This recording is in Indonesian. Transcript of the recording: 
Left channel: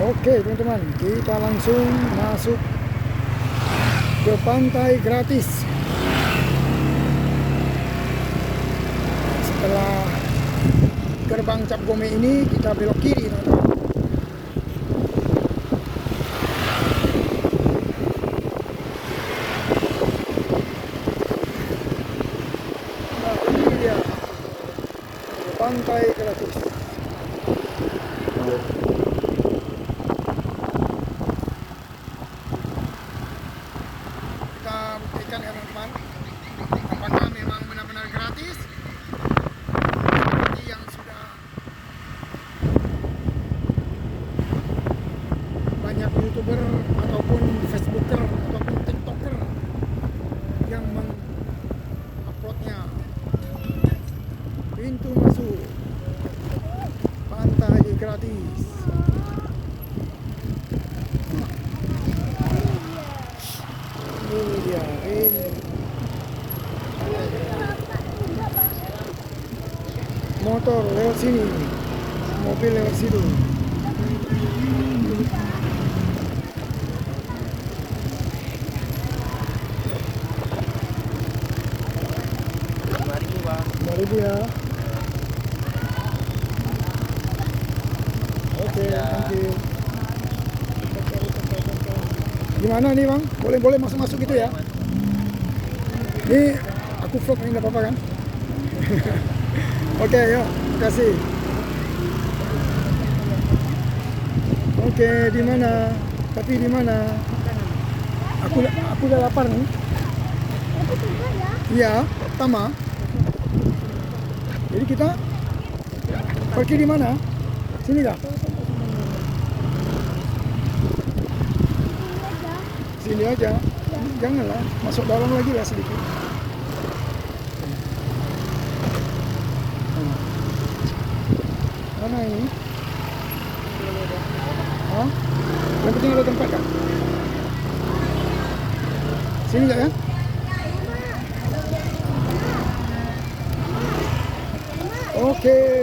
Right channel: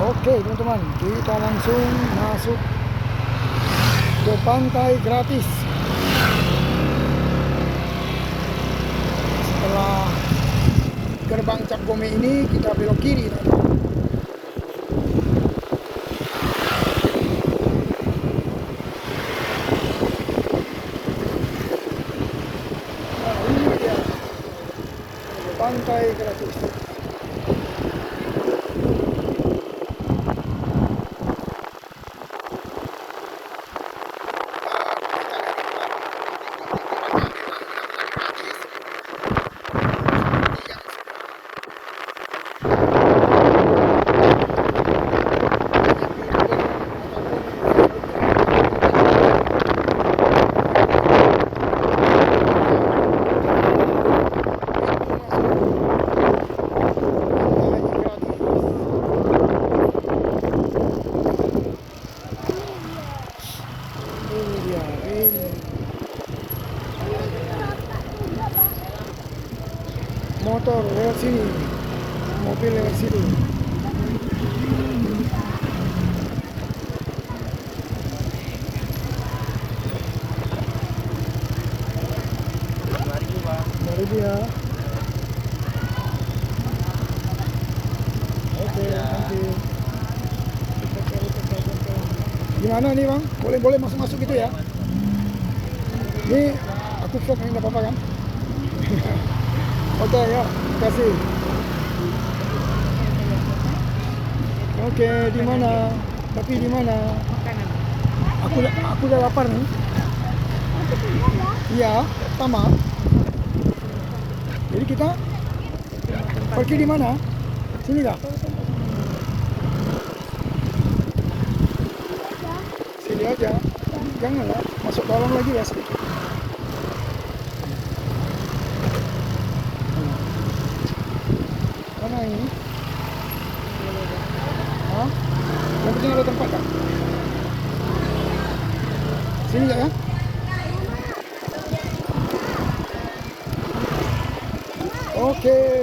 Oke teman-teman, kita langsung masuk ke pantai gratis. Setelah gerbang Cap Gome ini kita belok kiri teman-teman. Nah ini dia pantai gratis. Motor lewat sini, mobil lewat situ. Baru dia. Oke, thank you. Gimana nih bang? Boleh masuk gitu ya? Ini aku vlog ini nggak apa-apa kan? Oke, yuk, kasih. Oke, di mana? Tapi di mana? Aku udah lapar nih. Iya, sama. Jadi kita pergi di mana? Sini dah. Sini aja. Janganlah masuk dalam lagi lah sedikit. Mana ini? Hah? Yang penting ada tempat kan? Sini ya? Oke.